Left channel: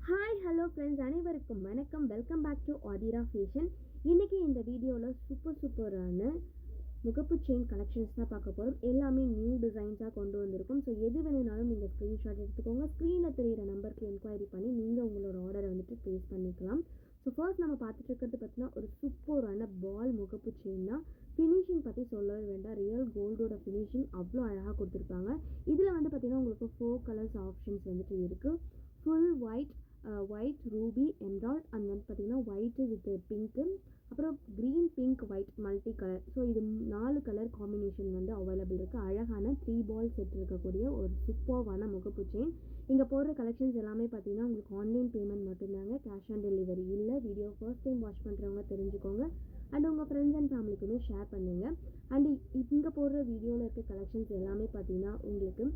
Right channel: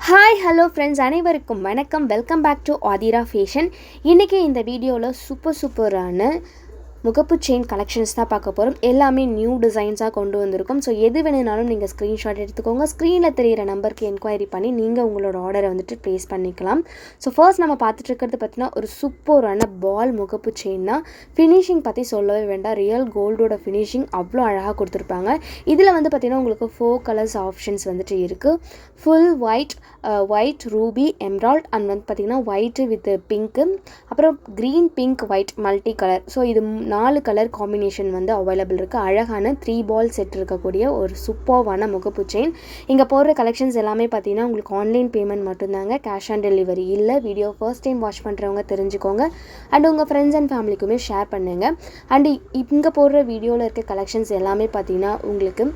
Hi hello friends அனைவருக்கும் வணக்கம். Welcome back to Aathira fashion இன்றைக்கி இந்த வீடியோவில் சூப்பர் சூப்பரான முகப்பு செயின் கலெக்ஷன்ஸ் தான் பார்க்க போகிறோம் எல்லாமே நியூ டிசைன்ஸாக கொண்டு வந்திருக்கும். ஸோ எது வேணுனாலும் நீங்கள் ஸ்க்ரீன்ஷாட் எடுத்துக்கோங்க. ஸ்க்ரீனில் தெரிகிற நம்பருக்கு என்கொயரி பண்ணி நீங்கள் உங்களோட ஆர்டரை வந்துட்டு ப்ளேஸ் பண்ணிக்கலாம். ஸோ ஃபர்ஸ்ட் நம்ம பார்த்துட்டு இருக்கிறது பார்த்தீங்கன்னா ஒரு சூப்பரான பால் முகப்பு செயின் தான். ஃபினிஷிங் பற்றி சொல்லவே வேண்டாம். ரியல் கோல்டோட ஃபினிஷிங் அவ்வளோ அழகாக கொடுத்துருப்பாங்க. இதில் வந்து பார்த்திங்கன்னா உங்களுக்கு ஃபோர் கலர்ஸ் ஆப்ஷன்ஸ் வந்துட்டு இருக்குது full white white ruby emerald and வந்து பார்த்திங்கன்னா ஒயிட்டு வித் பிங்க்கு அப்புறம் green pink white multi colour so இது நாலு கலர் காம்பினேஷன் வந்து அவைலபிள் இருக்குது அழகான த்ரீ பால் செட் இருக்கக்கூடிய ஒரு சூப்பர்வான முகப்பு செயின் இங்கே போடுற கலெக்ஷன்ஸ் எல்லாமே பார்த்தீங்கன்னா உங்களுக்கு ஆன்லைன் பேமெண்ட் மட்டும்தாங்க. கேஷ் ஆன் டெலிவரி இல்லை வீடியோ ஃபர்ஸ்ட் டைம் வாட்ச் பண்ணுறவங்க தெரிஞ்சுக்கோங்க. அண்ட் உங்கள் ஃப்ரெண்ட்ஸ் அண்ட் ஃபேமிலிக்குமே ஷேர் பண்ணுங்கள் அண்டு இங்கே போடுற வீடியோவில் இருக்க கலெக்ஷன்ஸ் எல்லாமே பார்த்தீங்கன்னா உங்களுக்கு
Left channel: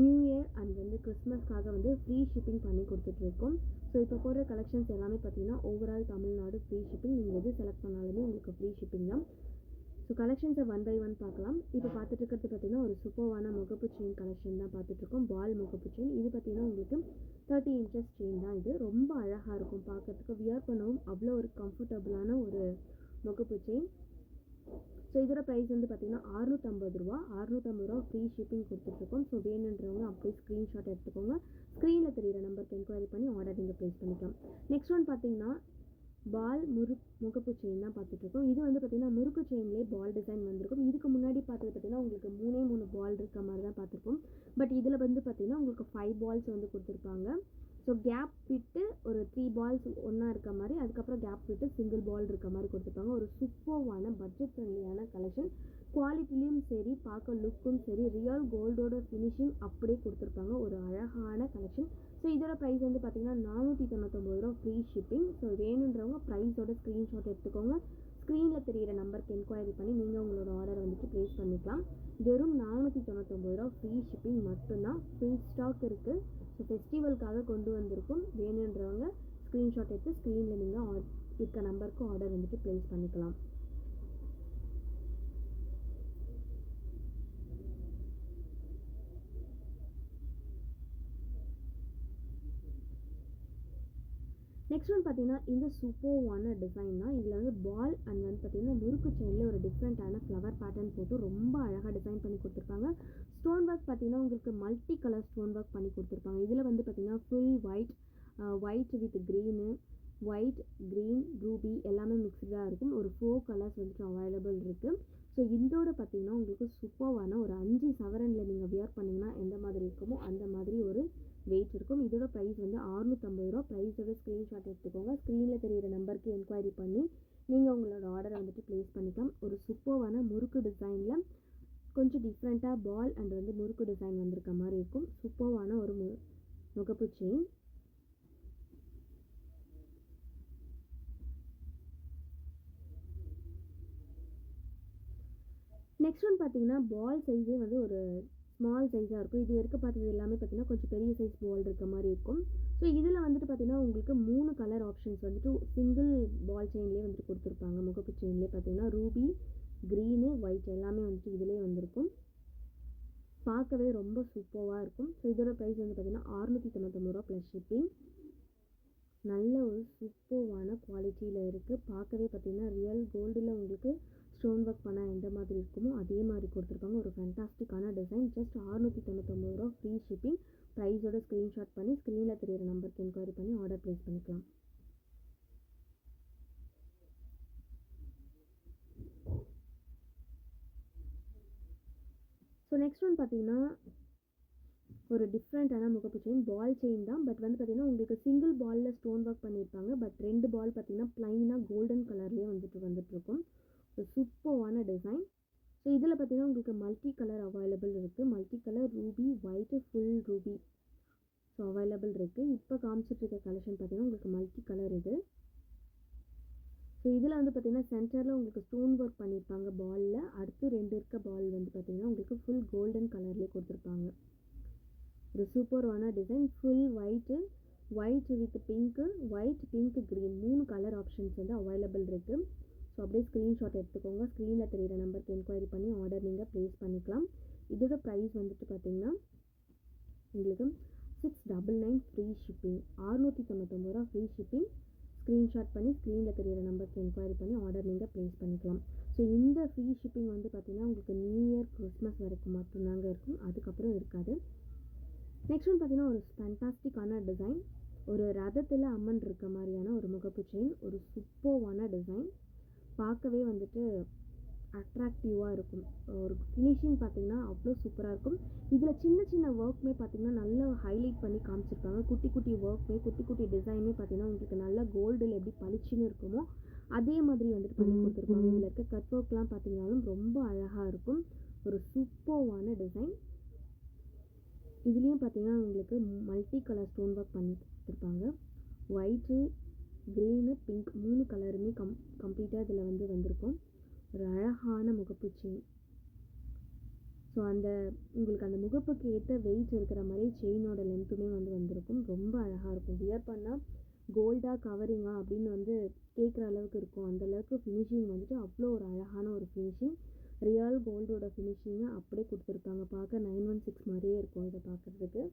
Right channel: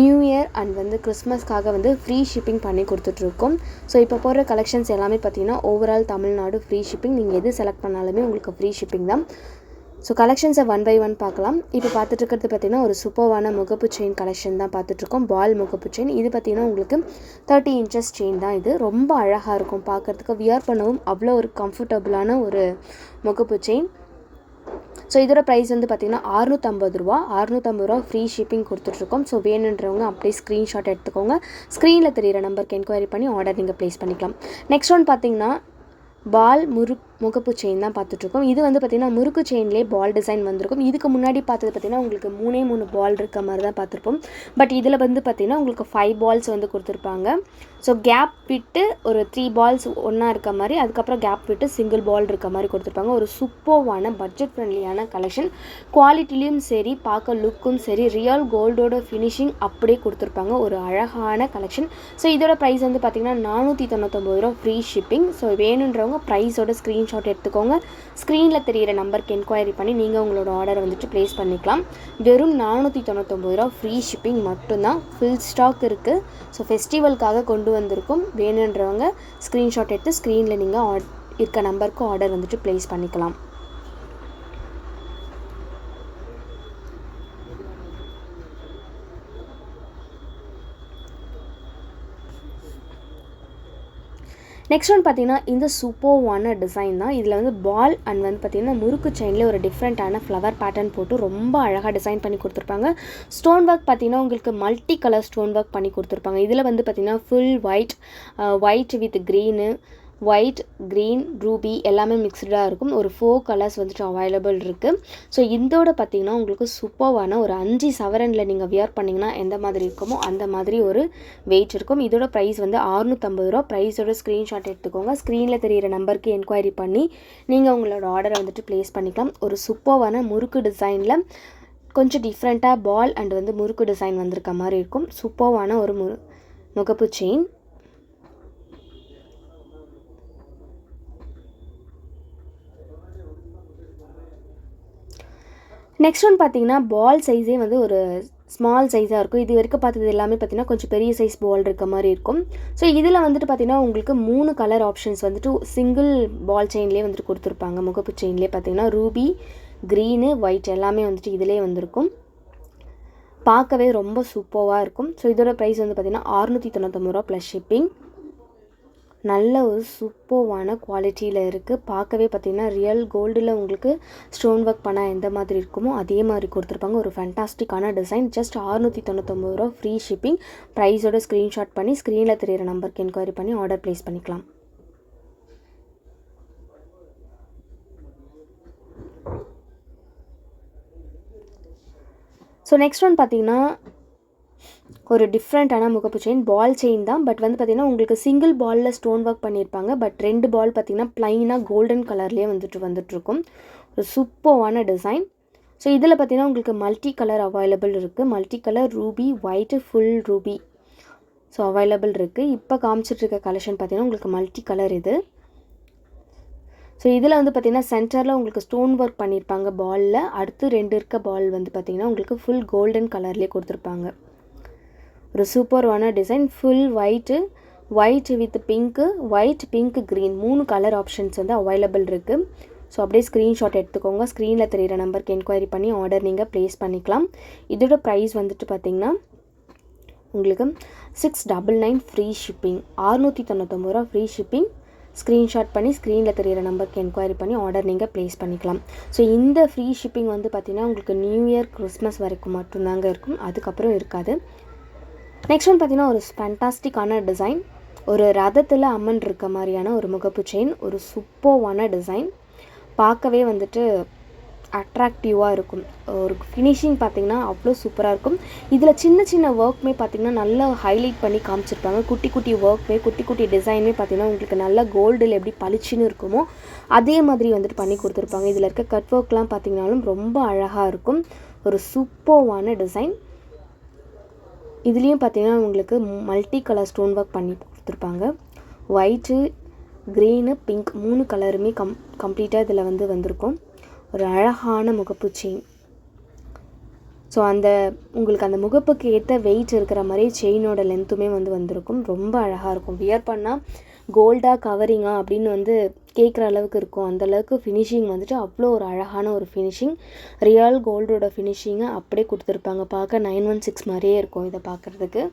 நியூ இயர் அண்ட் வந்து கிறிஸ்மஸ்க்காக வந்து ஃப்ரீ ஷிப்பிங் பண்ணி கொடுத்துட்ருக்கோம். ஸோ இப்போ போடுற கலெக்ஷன்ஸ் எல்லாமே பார்த்தீங்கன்னா ஓவரால் தமிழ்நாடு ஃப்ரீ ஷிப்பிங் நீங்கள் எது செலக்ட் பண்ணாலுமே உங்களுக்கு ஃப்ரீ ஷிப்பிங் தான். ஸோ கலெக்ஷன்ஸை ஒன் பை ஒன் பார்க்கலாம். இப்போ பார்த்துட்டு இருக்கிறது பார்த்தீங்கன்னா ஒரு சூப்பர்வான முகப்பு செயின் கலெக்ஷன் தான் பார்த்துட்ருக்கோம் பால் முகப்பு செயின் இது பார்த்தீங்கன்னா உங்களுக்கு தேர்ட்டி இன்ச்சஸ் செயின் தான் இது. ரொம்ப அழகாக இருக்கும் பார்க்கறதுக்கு. வியர் பண்ணவும் அவ்வளோ ஒரு கம்ஃபர்டபுளான ஒரு முகப்பு செயின் ஸோ இதோட ப்ரைஸ் வந்து பார்த்தீங்கன்னா அறுநூற்றம்பது ரூபா. அறுநூற்றம்பது ரூபா ஃப்ரீ ஷிப்பிங் கொடுத்துட்ருக்கோம் ஸோ வேணுன்றவங்க அப்படியே ஸ்க்ரீன்ஷாட் எடுத்துக்கோங்க. ஸ்க்ரீனில் தெரிகிற நம்பருக்கு என்கொயரி பண்ணி ஆர்டர் நீங்கள் ப்ளேஸ் பண்ணிக்கலாம். நெக்ஸ்ட் ஒன் பார்த்திங்கன்னா பால் முறுக் முகப்பு செயின் தான் பார்த்துட்ருக்கோம். இது வந்து பார்த்திங்கன்னா முறுக்கு செயின்லேயே பால் டிசைன் வந்திருக்கும். இதுக்கு முன்னாடி பார்த்தது பார்த்திங்கன்னா உங்களுக்கு மூணே மூணு பால் இருக்க மாதிரி தான் பார்த்துருப்போம். பட் இதில் வந்து பார்த்திங்கன்னா உங்களுக்கு ஃபைவ் பால்ஸ் வந்து கொடுத்துருப்பாங்க. ஸோ கேப் விட்டு ஒரு த்ரீ பால்ஸ் ஒன்றா இருக்க மாதிரி அதுக்கப்புறம் கேப் விட்டு சிங்கிள் பால் இருக்க மாதிரி கொடுத்துருப்பாங்க. ஒரு சூப்பர்வான பட்ஜெட் ஃப்ரெண்ட்லியான கலெக்ஷன் குவாலிட்டிலையும் சரி பார்க்க லுக்கும் சரி ரியல் கோல்டோட ஃபினிஷிங் அப்படியே கொடுத்துருப்பாங்க. ஒரு அழகான கலெக்ஷன் ஸோ இதோட ப்ரைஸ் வந்து பார்த்திங்கன்னா நானூற்றி தொண்ணூத்தொம்பது ரூபா ஃப்ரீ ஷிப்பிங் ஸோ வேணுன்றவங்க ப்ரைஸோட ஸ்க்ரீன்ஷாட் எடுத்துக்கோங்க. ஸ்க்ரீனில் தெரியிற நம்பருக்கு என்கொயரி பண்ணி நீங்கள் உங்களோட ஆர்டரை வந்துட்டு ப்ளேஸ் பண்ணிக்கலாம். வெறும் நானூற்றி தொண்ணூத்தொம்பது ரூபா ஃப்ரீ ஷிப்பிங் மட்டும்தான். ஃபுல் ஸ்டாக் இருக்குது ஸோ ஃபெஸ்டிவலுக்காக கொண்டு வந்திருக்கும் வேணுன்றவங்க ஸ்க்ரீன்ஷாட் எடுத்து ஸ்க்ரீனில் நீங்கள் ஆட் இருக்க நம்பருக்கு ஆர்டர் வந்துட்டு ப்ளேஸ் பண்ணிக்கலாம். நெக்ஸ்ட் ஒன் பார்த்தீங்கன்னா இந்த சூப்பர்வான டிசைன் தான். இதில் வந்து பால் அண்ட் வந்து பார்த்தீங்கன்னா முறுக்கு செயின்லேயே ஒரு டிஃப்ரெண்ட்டான ஃப்ளவர் பேட்டர்ன் போட்டு ரொம்ப அழகாக டிசைன் பண்ணி கொடுத்துருப்பாங்க. ஸ்டோன் ஒர்க் பார்த்தீங்கன்னா உங்களுக்கு மல்டி கலர் ஸ்டோன் ஒர்க் பண்ணி கொடுத்துருப்பாங்க. இதில் வந்து பார்த்தீங்கன்னா full white white with green white green ruby எல்லாமே மிக்ஸ்டாக இருக்கும். ஒரு ஃபோர் கலர்ஸ் வந்துட்டு அவைலபிள் இருக்குது ஸோ இதோட பார்த்தீங்கன்னா உங்களுக்கு சூப்பர்வான ஒரு அஞ்சு சவரனில் நீங்கள் வியர் பண்ணிங்கன்னா எந்த மாதிரி இருக்குமோ அந்த மாதிரி ஒரு வெயிட் இருக்கும். இதோட ப்ரைஸ் வந்து அறுநூற்றம்பது ரூபா. ப்ரைஸோட ஸ்க்ரீன்ஷாட் எடுத்துக்கோங்க. ஸ்க்ரீனில் தெரிகிற நம்பருக்கு என்கொயரி பண்ணி நீங்கள் உங்களோட ஆர்டரை வந்துட்டு ப்ளேஸ் பண்ணிக்கலாம். ஒரு சூப்பர்வான முறுக்கு டிசைனில் கொஞ்சம் டிஃப்ரெண்ட்டாக பால் அண்ட் வந்து முறுக்கு டிசைன் வந்திருக்க மாதிரி இருக்கும். சூப்பர்வான ஒரு மு முகப்பு செயின் நெக்ஸ்ட் ஒன் பார்த்தீங்கன்னா பால் சைஸே வந்து ஒரு ஸ்மால் சைஸாக இருக்கும். இது வரைக்கும் பார்த்தது எல்லாமே பார்த்தீங்கன்னா கொஞ்சம் பெரிய சைஸ் பால் இருக்க மாதிரி இருக்கும். ஸோ இதில் வந்துட்டு பார்த்தீங்கன்னா உங்களுக்கு மூணு கலர் ஆப்ஷன்ஸ் வந்துட்டு சிங்கிள் பால் செயின்லேயே வந்துட்டு கொடுத்துருப்பாங்க. முகப்பு செயின்லேயே பார்த்தீங்கன்னா ரூபி க்ரீனு ஒயிட் எல்லாமே வந்துட்டு இதிலே வந்திருக்கும். பார்க்கவே ரொம்ப சூப்பராக இருக்கும். ஸோ இதோட ப்ரைஸ் வந்து பார்த்தீங்கன்னா அறுநூற்றி தொண்ணூத்தொம்பது ரூபா ப்ளஸ் ஷிப்பிங் நல்ல ஒரு சூப்பர்வான குவாலிட்டியில் இருக்குது பார்க்கவே பார்த்தீங்கன்னா ரியல் கோல்டில் உங்களுக்கு ஸ்டோன் ஒர்க் பண்ணால் எந்த மாதிரி இருக்குமோ அதே மாதிரி கொடுத்துருப்பாங்க. ஒரு ஃபேண்டாஸ்டிக்கான டிசைன் ஜஸ்ட் ஆறுநூற்றி தொண்ணூத்தொம்பது ரூபா ஃப்ரீ ஷிப்பிங் ப்ரைஸோட ஸ்க்ரீன்ஷாட் பண்ணி ஸ்க்ரீனில் தெரியிற நம்பருக்கு என்கொயரி பண்ணி ஆர்டர் ப்ளேஸ் பண்ணிக்கலாம். ஸோ நெக்ஸ்ட் ஒன் பார்த்தீங்கன்னா ஒரு டிஃப்ரெண்ட்டான முகப்பு செயின் பால் செயின் தான். பட் வந்து பார்த்திங்கன்னா உங்களுக்கு சிங்கிள் பாலில் ஸ்டோன் ஒர்க் பண்ணியிருப்பாங்க. பட் ரெண்டு பால் பார்த்திங்கன்னா ப்ளைனாக கோல்டன் கலர்லேயே வந்துட்டு வந்துட்டுருக்கும். ஒரு சூப்பர்வான டிசைன் ஸோ இதில் பார்த்திங்கன்னா உங்களுக்கு மல்டி கலர் அவைலபிள் இருக்குது multi colour ruby white full ruby so available இருக்குது இப்போ காமிச்சிட்ருக்க கலெக்ஷன் பார்த்திங்கன்னா உங்களுக்கு மல்டி கலர் இது. ஸோ இதில் வந்து பார்த்திங்கன்னா சென்டரில் உங்களுக்கு ஸ்டோன் ஒர்க் பண்ணியிருப்பாங்க பாலில் அடுத்து ரெண்டு இருக்க பால் வந்து பார்த்திங்கன்னா உங்களுக்கு ஃபுல் கோல்டன் கலர்லேயே கொடுத்துருப்பாங்க. ஒரு சூப்பர்வான design. Full white white with pink white pink green மூணு கலர் ஆப்ஷன்ஸ் வந்து அவைலபிள் இருக்குது ஸோ அப்படியே ஸ்க்ரீன்ஷாட் எடுத்துக்கோங்க. ஸ்க்ரீனில் தெரியிற நம்பருக்கு என்கொயரி பண்ணி ஆர்டர் நீங்கள் ப்ளேஸ் பண்ணிக்கலாம். இதோட ப்ரைஸ் வந்துட்டு பார்த்தீங்கன்னா உங்களுக்கு six double nine free shipping அறுநூற்றி தொண்ணூத்தொம்பது ரூபா ஃப்ரீ ஷிப்பிங் ஸ்க்ரீன்ஷாட் பண்ணி ஸ்க்ரீனில் தெரியிற நம்பருக்கு என்கொயரி பண்ணி ஆர்டர் நீங்கள் ப்ளேஸ் பண்ணிக்கலாம். ஸோ இந்த ஃப்ரீ ஷிப்பிங் வந்து பார்த்திங்கன்னா உங்களுக்கு நியூ இயர் கிறிஸ்மஸ் வரைக்கும் மட்டும்தாங்க இருக்கும். அதுக்கப்புறம் இருக்காது. நெக்ஸ்ட் ஒன் பார்த்திங்கன்னா ஒரு ஃபேண்டாஸ்டிக்கான டிசைன் ஒரு ரதத்தில் அம்மன் இருக்க மாதிரியான ஒரு முகப்பு செயின் ஒரு சூப்பர்வான டிசைன் பார்க்கவே வந்துட்டு அட்ராக்டிவாக இருக்கும். ஒரு ஃபினிஷிங் பார்த்திங்கன்னா அவ்வளோ சூப்பராக இருக்கும். இதில் சின்ன சின்ன ஒர்க்குமே பார்த்திங்கன்னா நல்லா ஹைலைட் பண்ணி காமிச்சிருப்பாங்க. குட்டி குட்டி ஒர்க்குமே குட்டி குட்டி டிசைனுமே பார்த்திங்கன்னா உங்களுக்கு நல்லா கோல்டில் எப்படி பளிச்சுன்னு இருக்குமோ அதே மாதிரி வந்துட்டு பண்ணி கொடுத்துருப்பாங்க. இதில் இருக்க கட் ஒர்க்லாம் பார்த்திங்கனாலும் ரொம்ப அழகாக இருக்கும். ஒரு சூப்பர்வான டிசைன் இதுலேயும் பார்த்தீங்கன்னா உங்களுக்கு மல்டி கலர் ஸ்டோன் ஒர்க் பண்ணி கொடுத்துருப்பாங்க. ஒயிட்டு க்ரீனு பிங்க் மூணு கலருமே கம் கம்ப்ளீட்டாக இதில் வந்து வந்திருக்கும். ஒரு அழகான முகப்பு செயின் ஸோ அந்த உங்களுக்கு அந்த முகப்புக்கு ஏற்ற வெயிட் இருக்கிற மாதிரி செயினோட லென்த்துமே வந்து வந்திருக்கும். ரொம்ப அழகாக இருக்கும். வியர் பண்ணால் கோல்டாக கவரிங்கா அப்படின்னு வந்து கேட்குற அளவுக்கு இருக்கும். அந்தளவுக்கு ஃபினிஷிங் வந்துட்டு அவ்வளோ ஒரு அழகான ஒரு ஃபினிஷிங் ரியல் கோல்டோட ஃபினிஷிங்கை அப்படியே கொடுத்துருப்பாங்க. பார்க்க நைன் ஒன் சிக்ஸ் மாதிரியே இருக்கும் இதை பார்க்குறதுக்கு.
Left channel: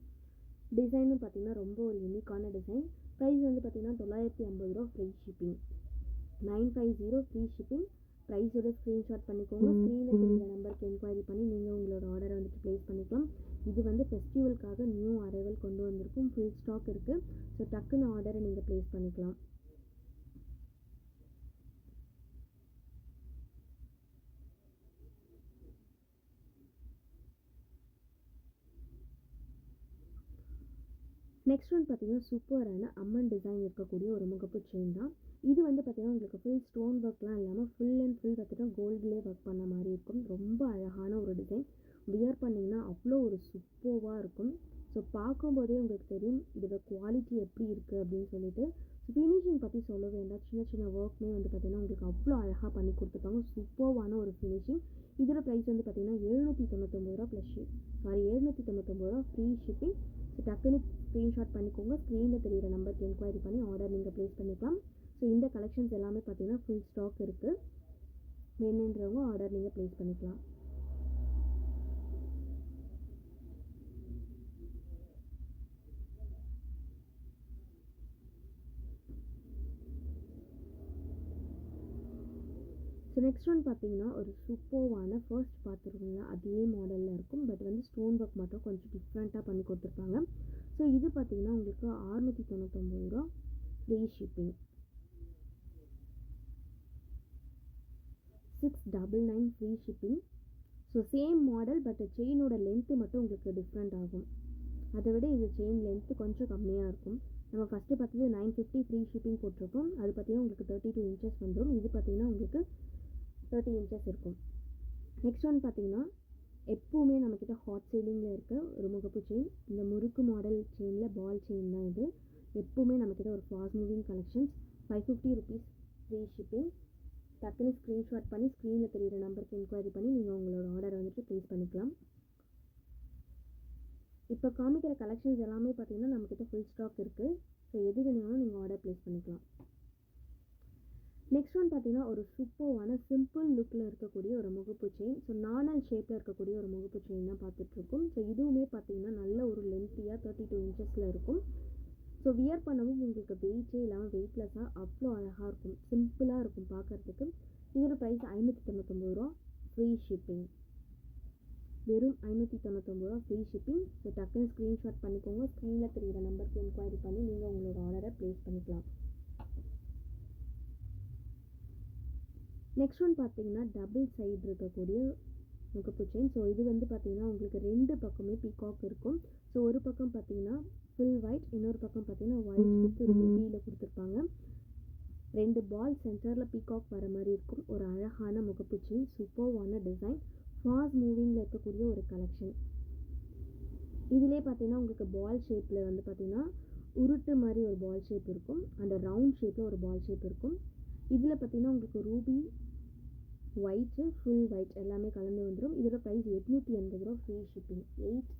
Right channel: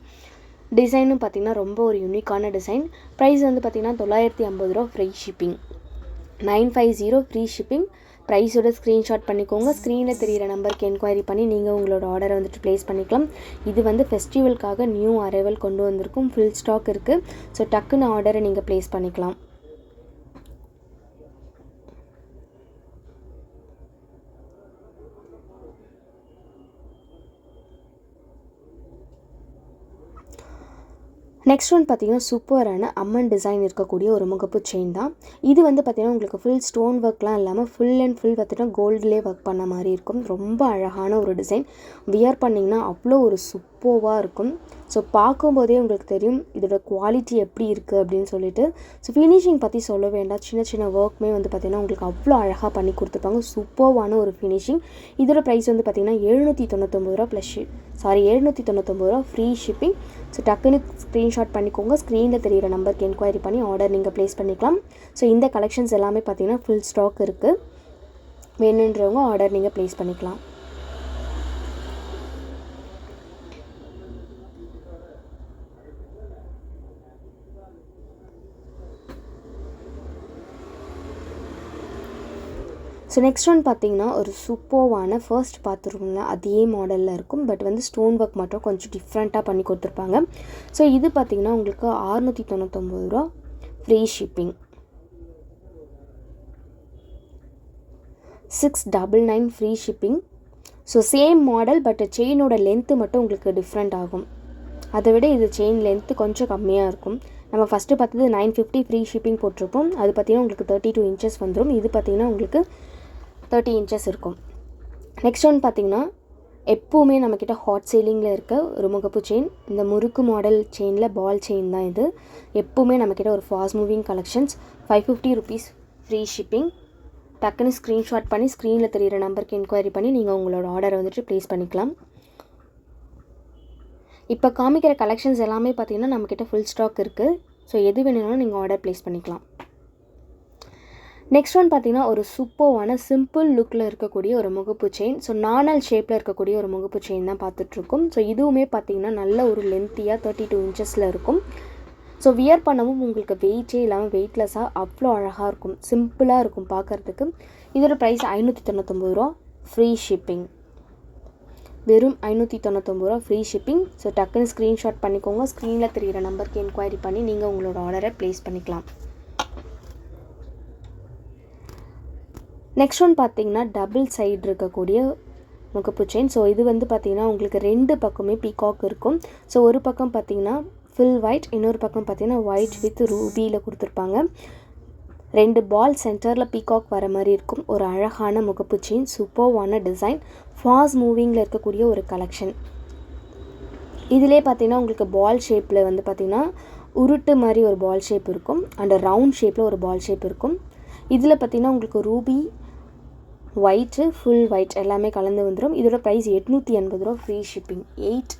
டிசைனும் பார்த்திங்கன்னா ரொம்ப ஒரு யூனிக்கான டிசைன் ப்ரைஸ் வந்து பார்த்திங்கன்னா தொள்ளாயிரத்தி ஐம்பது ரூபா free shipping nine five zero free shipping ப்ரைஸோட screenshot பண்ணிக்கோங்க. ஸ்க்ரீனில் தெரியிற நம்பருக்கு என்கொயரி பண்ணி நீங்கள் உங்களோட ஆர்டரை வந்துட்டு ப்ளேஸ் பண்ணிக்கலாம். இது வந்து ஃபெஸ்டிவலுக்காக நியூ அரைவல் கொண்டு வந்திருக்கும். ஃபுல் ஸ்டாக் இருக்குது ஸோ டக்குன்னு ஆர்டரை நீங்கள் ப்ளேஸ் பண்ணிக்கலாம். நெக்ஸ்ட் ஒன் பார்த்தீங்கன்னா சூப்பரான அம்மன் டிசைன் இருக்கக்கூடிய ஒரு முகப்பு செயின் தான். இது வந்து பார்த்திங்கன்னா உங்களுக்கு ஃபுல் ஸ்டோன் ஒர்க்லாம் இல்லாமல் ஃபுல் அண்ட் ஃபுல் பார்த்திங்கன்னா கோல்டுலேயே ஒர்க் பண்ண மாதிரி இருக்கும். ரொம்ப அழகான ஒரு டிசைன் வியர் பண்ணிங்கன்னா அவ்வளோ ஒரு சூப்பர்வாக இருக்கும். ஸோ பார்க்கும்போதே உங்களுக்கு தெரியும் இதோட குவாலிட்டி எப்படி இருக்குது அப்படின்னு சொல்லிட்டு. ஸோ ஃபினிஷிங் பற்றி சொல்ல வேண்டாம். சின்ன சின்ன ஒர்க்குமே வந்து பார்த்திங்கன்னா உங்களுக்கு அவ்வளோ அழகாக பண்ணி கொடுத்துருப்பாங்க. சூப்பர்வான ஒரு ஃபினிஷிங் இதோட ப்ரைஸ் வந்து பார்த்திங்கன்னா எழுநூற்றி தொண்ணூத்தொம்பது ரூபா ப்ளஸ் சாரி எழுநூற்றி தொண்ணூத்தொம்பது ரூபா ஃப்ரீ ஷிப்பிங் ஸோ டக்குன்னு ஸ்க்ரீன்ஷாட் பண்ணிக்கோங்க. ஸ்க்ரீனில் தெரியிற நம்பருக்கு என்கொயரி பண்ணி ஆர்டர் நீங்கள் ப்ளேஸ் பண்ணிக்கலாம். ஸோ இந்த கலெக்ஷன்ஸ் எல்லாமே பார்த்திங்கன்னா ஃபுல் ஸ்டாக் இருக்குது வேணுன்றவங்க ஆர்டர் நீங்கள் ப்ளேஸ் பண்ணிக்கலாம். ஸோ நெக்ஸ்ட் ஒன் பார்த்தீங்கன்னா ஒரு சூப்பர்வான ஃபர்ஸ்ட் பார்த்துருக்கோம்ல அதே மாடலில் இருக்கும். பட் வந்து ஸ்டோன் ஒர்க் மட்டும் கொஞ்சம் டிஃப்ரெண்ட்டாக பண்ணி கொடுத்துருப்பாங்க. ஸோ இது பார்த்திங்கன்னா உங்களுக்கு ஆறுநூற்றி தொண்ணூத்தொம்பது ரூபா free shipping six double nine free shipping so same model but செயினோட length மட்டும் உங்களுக்கு டிஃப்ரெண்ட் ஆகும். அதை விட இது செயின் லென்த்து கொஞ்சம் கம்மியாக இருக்கும். நம்ம ஃபஸ்ட்டு பார்த்தது நைன் ஃபிஃப்டி ஃப்ரீ ஷிப்பிங் போட்டிருப்போம். அது பார்த்திங்கன்னா உங்களுக்கு தேர்ட்டி டூ இன்ச்சஸ் வந்துடும் இது பார்த்திங்கன்னா உங்களுக்கு தேர்ட்டி இன்ச்சஸ் இருக்கும். நெக்ஸ்ட் ஒன் பார்த்திங்கன்னா எப்போவுமே நம்மக்கிட்ட ஹாட் சேலிங்கில் இருக்க ஒரு முகப்பு செயின் இந்த முறுக்கு மாடல் செயினில் பால் செயின் தான் இது. எப்போவுமே நம்மக்கிட்ட ஒரு fast moving collections five fifty rupees free shipping டக்குன்னு ஸ்க்ரீன்ஷாட் பண்ணி ஸ்க்ரீனில் தெரியிற நம்பருக்கு என்கொயரி பண்ணி நீங்கள் உங்களோட ஆர்டரை வந்துட்டு ப்ளேஸ் பண்ணிக்கலாம். இப்போ காமிக்கிற கலெக்ஷன்ஸ் எல்லாமே பார்த்தீங்கன்னா நம்மக்கிட்ட ஃபுல் ஸ்டாக் இருக்குது ஸோ எது வேணும்னாலும் நீங்கள் ஆர்டர் ப்ளேஸ் பண்ணிக்கலாம். நெக்ஸ்ட் ஒன் பார்த்தீங்கன்னா ஒரு சூப்பர்வான சிம்பிள் லுக்கில் இருக்கக்கூடிய ஒரு முகப்பு செயின் ஸோ நானல் ஷேப்பில் இருக்கக்கூடிய ஒரு முகப்பு செயின் தான் பார்த்துட்ருக்கோம். ஸோ இதுவுமே பார்த்தீங்கன்னா நல்ல ஒரு லென்த்தியாக தேர்ட்டி டூ இன்ச்சஸில் இருக்கும். ஸோ வியர் பண்ணவும் உங்களுக்கு வெயிட்டே இல்லாமல் வெயிட்லெஸ்ஸாக அவ்வளோ அழகாக இருக்கும். சிம்பிளாக இருக்கும் பார்க்குறதுக்கு. இதோட ப்ரைஸ் ஐநூற்றி தொண்ணூத்தொம்பது ரூபா. ஃப்ரீ ஷிப்பிங் வெறும் ஐநூற்றி தொண்ணூத்தொம்பது ரூபா ஃப்ரீ ஷிப்பிங் ஸோ டக்குன்னு ஸ்க்ரீன்ஷாட் பண்ணிக்கோங்க. ஸ்க்ரீனில் தெரிகிற நம்பருக்கு என்கொயரி பண்ணி நீங்கள் உங்களோட ஆர்டரை ப்ளேஸ் பண்ணிக்கலாம். நெக்ஸ்ட் ஒன் பார்த்தீங்கன்னா டபுள் சைடு இருக்கக்கூடிய முகப்பு செயின் ஸோ இது வந்து பார்த்திங்கன்னா உங்களுக்கு ரெண்டு பக்கமே பீகாக் இருக்கும். ஸோ ஒரு பக்கம் பார்த்தீங்கன்னா ஃபுல் ஒயிட் இன்னொரு பக்கம் பார்த்தீங்கன்னா ஒயிட் வித் ரூபியில் கொடுத்துருப்பாங்க. ரெண்டு பால் சென்டரில் பீகாக் வர மாதிரி இருக்கும். ஒரு அழகான முகப்பு செயின் சூப்பர்வான டிசைன் ஃபாஸ்ட் மூவிங்கில் இருக்கக்கூடிய ஒரு கலெக்ஷன் இதிலே பார்த்தீங்கன்னா உங்களுக்கு பால் ஷேப்பில் வந்து பார்த்திங்கன்னா உருட்டு மாதிரி ஒரு பால் ஷேப் இருக்கும். அண்ட் ரவுண்ட் ஷேப்பில் ஒரு பால் ஷேப் இருக்கும். இதில் பார்த்திங்கன்னா உங்களுக்கு ரூபி ஒயிட்டு ஃபுல் ஒயிட் எல்லாமே கலந்து வந்துடும் இதோட ப்ரைஸ் எட்நூற்றி எண்பது ரூபா free shipping eight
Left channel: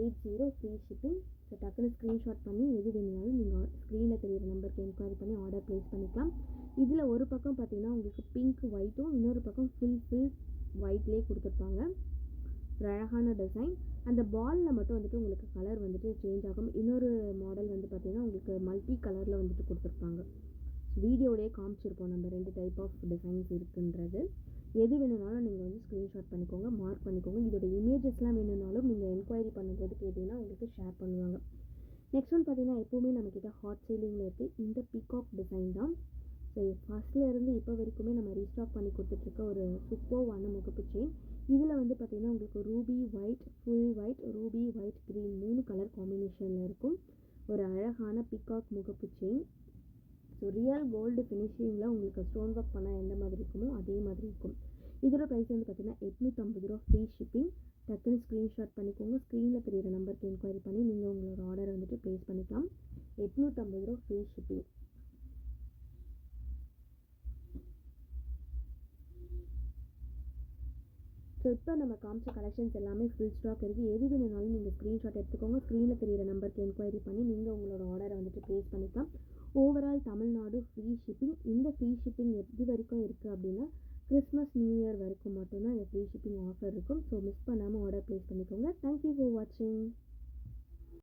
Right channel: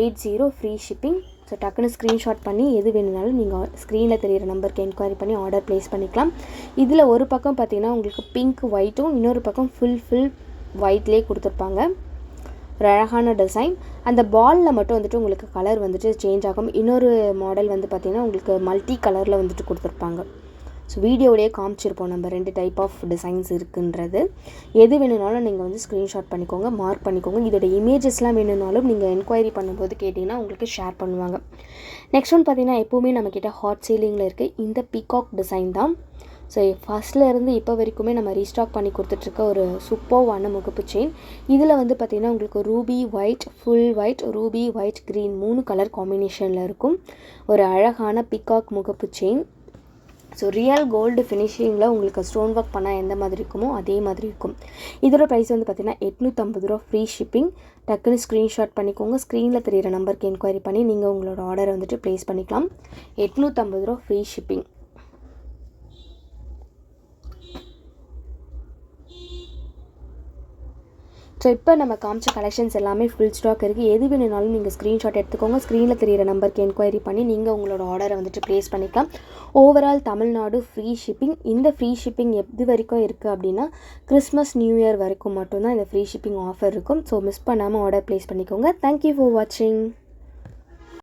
eight zero free shipping so டக்குன்னு ஸ்க்ரீன்ஷாட் பண்ணி எது வேணுனாலும் நீங்கள் ஸ்க்ரீனில் தெரியிற நம்பருக்கு என்கொயரி பண்ணி ஆர்டர் ப்ளேஸ் பண்ணிக்கலாம். இதில் ஒரு பக்கம் பார்த்தீங்கன்னா உங்களுக்கு பிங்க் ஒயிட்டும் இன்னொரு பக்கம் ஃபுல் ஃபுல் ஒயிட்லேயே கொடுத்துருப்பாங்க. ஒரு அழகான டிசைன் அந்த பாலில் மட்டும் வந்துட்டு உங்களுக்கு கலர் வந்துட்டு சேஞ்ச் ஆகும். இன்னொரு மாடல் வந்து பார்த்திங்கன்னா உங்களுக்கு மல்டி கலரில் வந்துட்டு கொடுத்துருப்பாங்க. ஸோ வீடியோவிலே காமிச்சிருப்போம். நம்ம ரெண்டு டைப் ஆஃப் டிசைன்ஸ் இருக்குன்றது. எது வேணும்னாலும் நீங்கள் வந்து ஸ்க்ரீன்ஷாட் பண்ணிக்கோங்க மார்க் பண்ணிக்கோங்க. இதோட இமேஜஸ்லாம் வேணும்னாலும் நீங்கள் என்கொயரி பண்ணும்போது கேட்டிங்கன்னா உங்களுக்கு ஷேர் பண்ணுவாங்க. நெக்ஸ்ட் ஒன் பார்த்தீங்கன்னா எப்போவுமே நம்மக்கிட்ட ஹாட் சீலிங்கில் இருக்குது இந்த பிகாக் டிசைன் தான். ஸோ ஃபஸ்ட்டில் இருந்து இப்போ வரைக்குமே நம்ம ரீஸ்டாக் பண்ணி கொடுத்துட்ருக்க ஒரு சூப்பர்வான முகப்பு செயின் இதில் வந்து பார்த்திங்கன்னா உங்களுக்கு ruby white full white ruby white green மூணு கலர் காம்பினேஷனில் இருக்கும். ஒரு அழகான பிகாக் முகப்பு செயின் ஸோ ரியல் கோல்டு ஃபினிஷிங்கில் உங்களுக்கு ஸ்டோன் ஒர்க் பண்ணால் எந்த மாதிரி இருக்குமோ அதே மாதிரி இருக்கும். இதோட ப்ரைஸ் வந்து பார்த்திங்கன்னா எட்நூற்றம்பது ரூபா ஃப்ரீ ஷிப்பிங் டக்குன்னு ஸ்க்ரீன்ஷாட் பண்ணிக்கோங்க. ஸ்க்ரீனில் தெரியிற நம்பருக்கு என்கொயரி பண்ணி நீங்கள் உங்களோட ஆர்டரை வந்துட்டு ப்ளேஸ் பண்ணிக்கலாம். எட்நூற்றம்பது ரூபா ஃப்ரீ ஷிப்பிங் ஸோ இப்போ நம்ம காமிச்ச கலெக்ஷன்ஸ் எல்லாமே ஃபுல் ஸ்டாக் இருக்குது எது வேணுனாலும் நீங்கள் ஸ்க்ரீன்ஷாட் எடுத்துக்கோங்க. ஸ்க்ரீனில் தெரியிற நம்பருக்கு என்கொயரி பண்ணி நீங்கள் உங்களோட ஆர்டரை வந்துட்டு ப்ளேஸ் பண்ணிக்கலாம். ஓவரால் தமிழ்நாடு ஃப்ரீ ஷிப்பிங் இந்த ஃப்ரீ ஷிப்பிங் எது வரைக்கும் இருக்குது அப்படின்னா கிறிஸ்மஸ் நியூ இயர் வரைக்கும் மட்டும்தான் இந்த ஃப்ரீ ஷிப்பிங் ஆஃபர் இருக்கும். ஸோ மிஸ் பண்ணாமல் ஆர்டர் ப்ளேஸ் பண்ணிக்கோங்க. தேங்க்யூ ஃபார் வாட்சிங்